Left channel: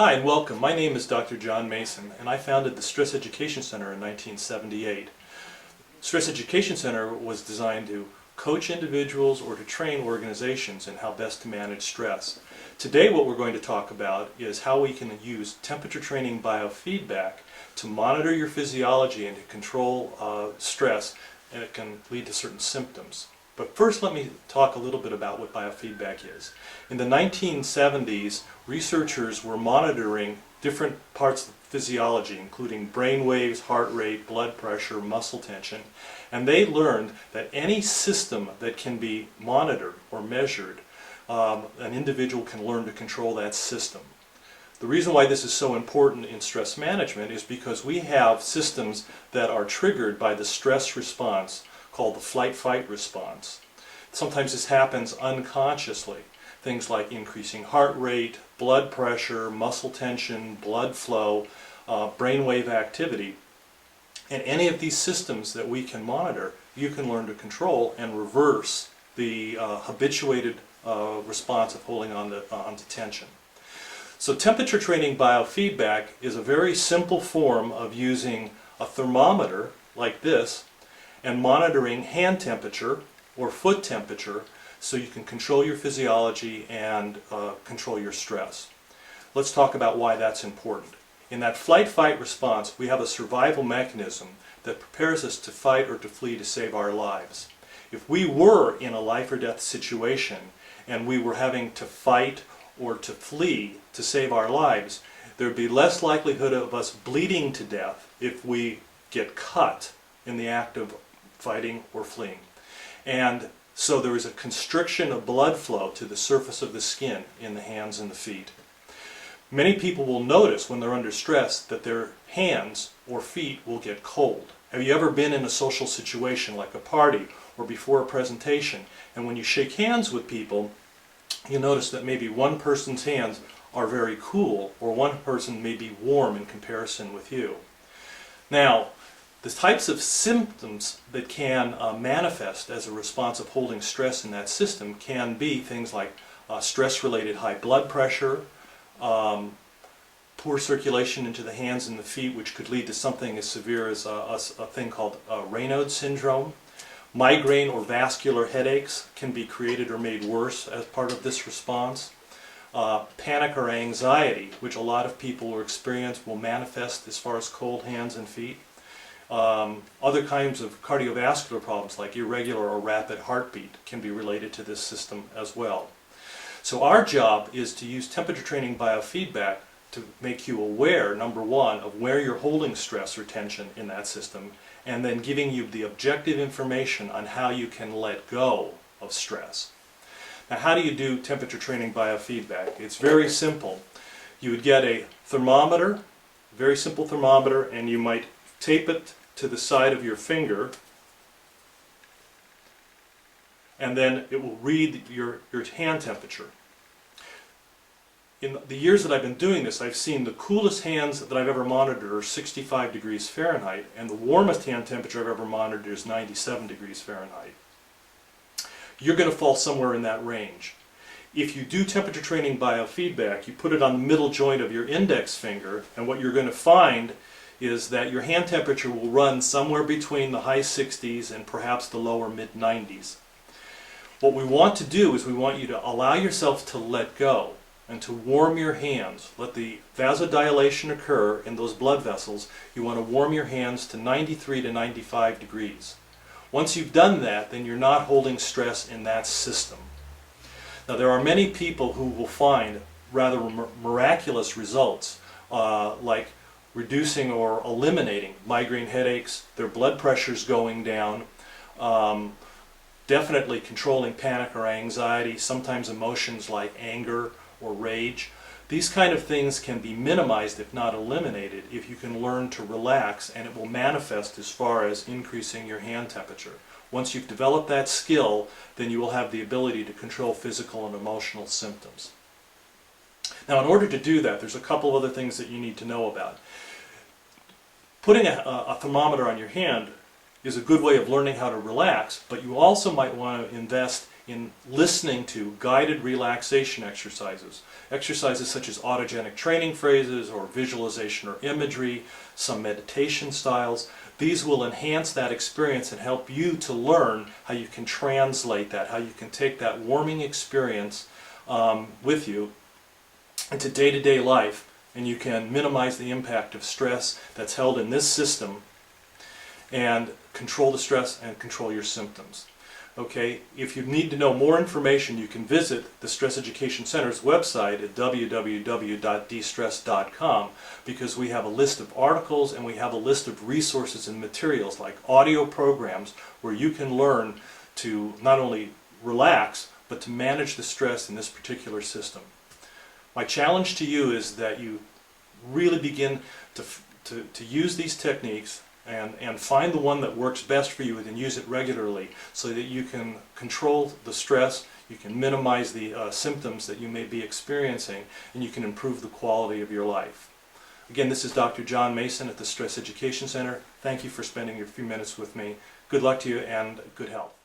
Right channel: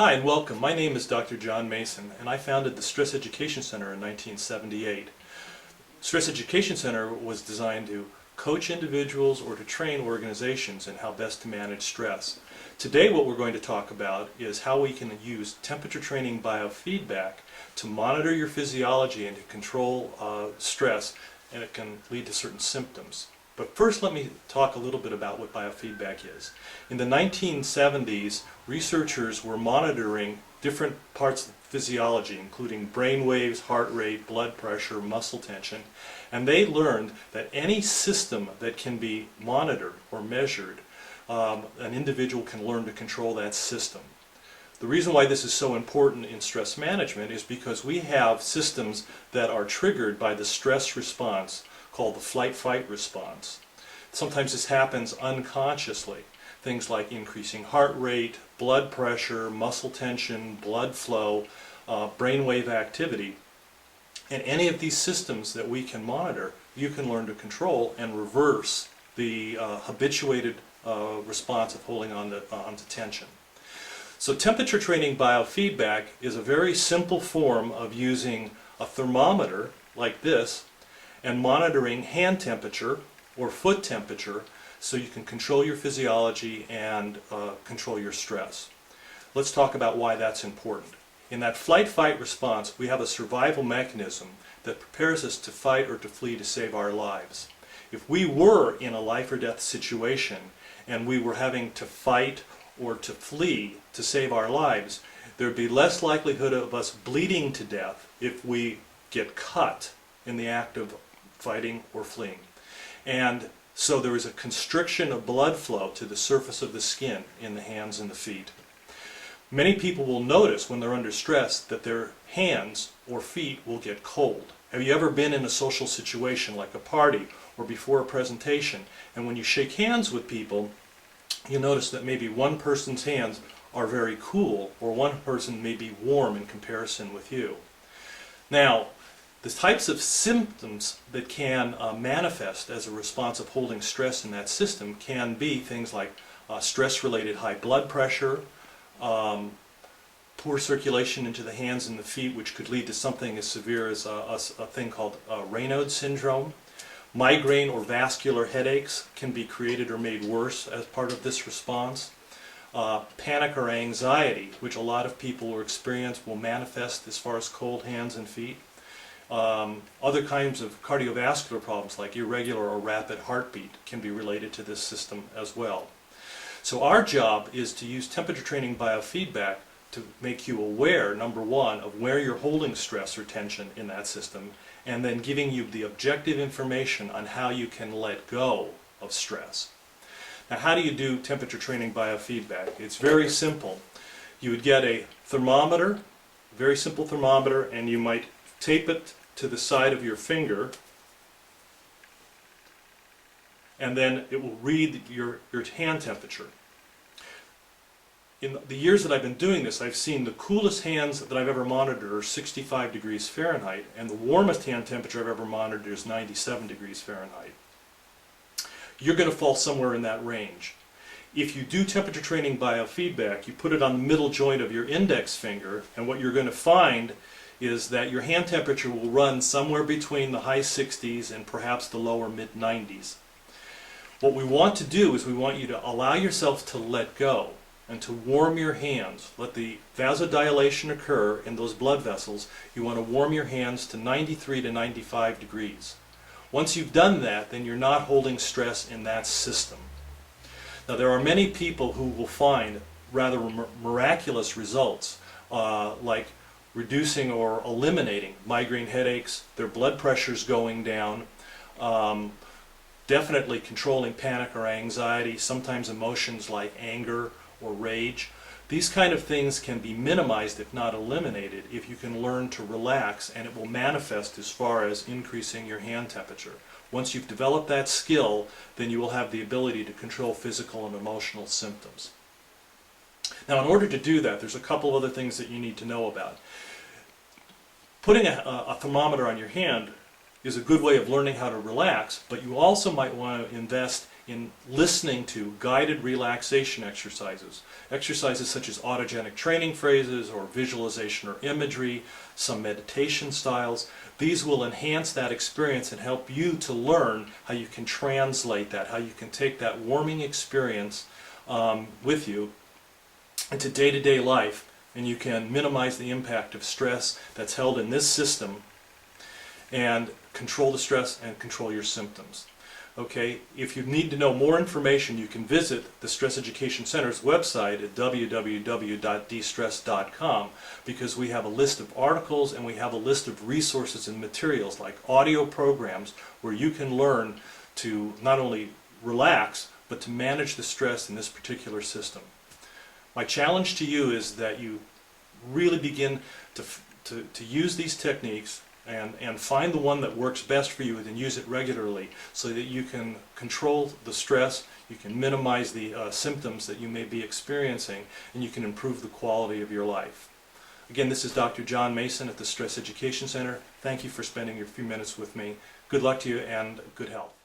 Hi and welcome. My name is Dr. John Mason and I founded the Stress Education Center in 1978. Stress Education Center was designed to coach individuals or to train organizations in how best to manage stress. Today what we're going to talk about is how we can use temperature training biofeedback to monitor your physiology and to control stress, and it can lead to certain symptoms. But first let me talk a little bit about what biofeedback is. In the 1970s, researchers were monitoring different parts of physiology, including brain waves, heart rate, blood pressure, muscle tension, and they learned that any system that can be monitored or measured, an individual can learn to control that system. The reason why this is so important in stress management is because we have systems that are triggered by the stress response called the flight-fight response. Sometimes this happens unconsciously. Things like increasing heart rate, blood pressure, muscle tension, blood flow, brainwave activity. And any of these systems that we can monitor, you can learn to control and reverse the habituated response of holding on to tension. So temperature training biofeedback is a very simple form of using a thermometer like this and monitoring hand temperature or foot temperature so you can control your physiology and control your stress. Let's talk about why that's important. In that flight-fight response, we have a survival mechanism that prepares us to fight or to flee to save our lives. If we were in a life or death situation and we were having to fight or to flee to save our lives, there would be less likelihood of us bleeding to death if we get cut in the act of fighting or fleeing. And so there is a constriction of blood flow to the surface of the skin in the hands and the feet. Many people will notice when they're under stress that their hands or feet will get cold. Have you ever been in a social situation like a party or before a presentation, and when you shake hands with people, you notice that maybe one person's hands are very cool or one person may be warm in comparison with you. Now, the types of symptoms that can manifest as a response of holding stress in that system can be things like stress-related high blood pressure, poor circulation into the hands and the feet, which could lead to something as severe as a thing called Raynaud's syndrome. Migraine or vascular headaches can be created or made worse as part of this response. Panic or anxiety, which a lot of people will experience, will manifest as far as cold hands and feet. Other kinds of cardiovascular problems like irregular or rapid heartbeat can be related to this system as well. So our job is to use temperature training biofeedback to make you aware, number one, of where you're holding stress or tension in that system, and then giving you the objective information on how you can let go of stress. Now, how do you do temperature training biofeedback? It's very simple. You would get a thermometer, very simple thermometer, and you might tape it to the side of your finger, and then it will read your hand temperature. In the years that I've been doing this, I've seen the coolest hands that I've ever monitored are 65 degrees Fahrenheit, and the warmest hand temperature I've ever monitored is 97 degrees Fahrenheit. You're going to fall somewhere in that range. If you do temperature training biofeedback, you put it on the middle joint of your index finger, and what you're going to find is that your hand temperature will run somewhere between the high 60s and perhaps the lower mid 90s. What we want to do is we want you to allow yourself to let go and to warm your hands. Let the vasodilation occur in those blood vessels. You want to warm your hands to 93 to 95 degrees. Once you've done that, then you're not holding stress in that system. Now, there are many people who will find rather miraculous results, like reducing or eliminating migraine headaches, their blood pressures going down, definitely controlling panic or anxiety, sometimes emotions like anger or rage. These kind of things can be minimized, if not eliminated, if you can learn to relax, and it will manifest as far as increasing your hand temperature. Once you've developed that skill, then you will have the ability to control physical and emotional symptoms. Now, in order to do that, there's a couple other things that you need to know about. Putting a thermometer on your hand is a good way of learning how to relax, but you also might want to invest in listening to guided relaxation exercises. Exercises such as autogenic training phrases or visualization or imagery, some meditation styles. These will enhance that experience and help you to learn how you can translate that, how you can take that warming experience with you into day-to-day life, and you can minimize the impact of stress that's held in this system and control the stress and control your symptoms. Okay, if you need to know more information, you can visit the Stress Education Center's website at www.dstress.com, because we have a list of articles and we have a list of resources and materials like audio programs where you can learn to not only relax but to manage the stress in this particular system. My challenge to you is that you really begin to use these techniques and find the one that works best for you and use it regularly so that you can control the stress, you can minimize the symptoms that you may be experiencing, and you can improve the quality of your life. Again, this is Dr. John Mason at the Stress Education Center. Thank you for spending your few minutes with me. Good luck to you and good health.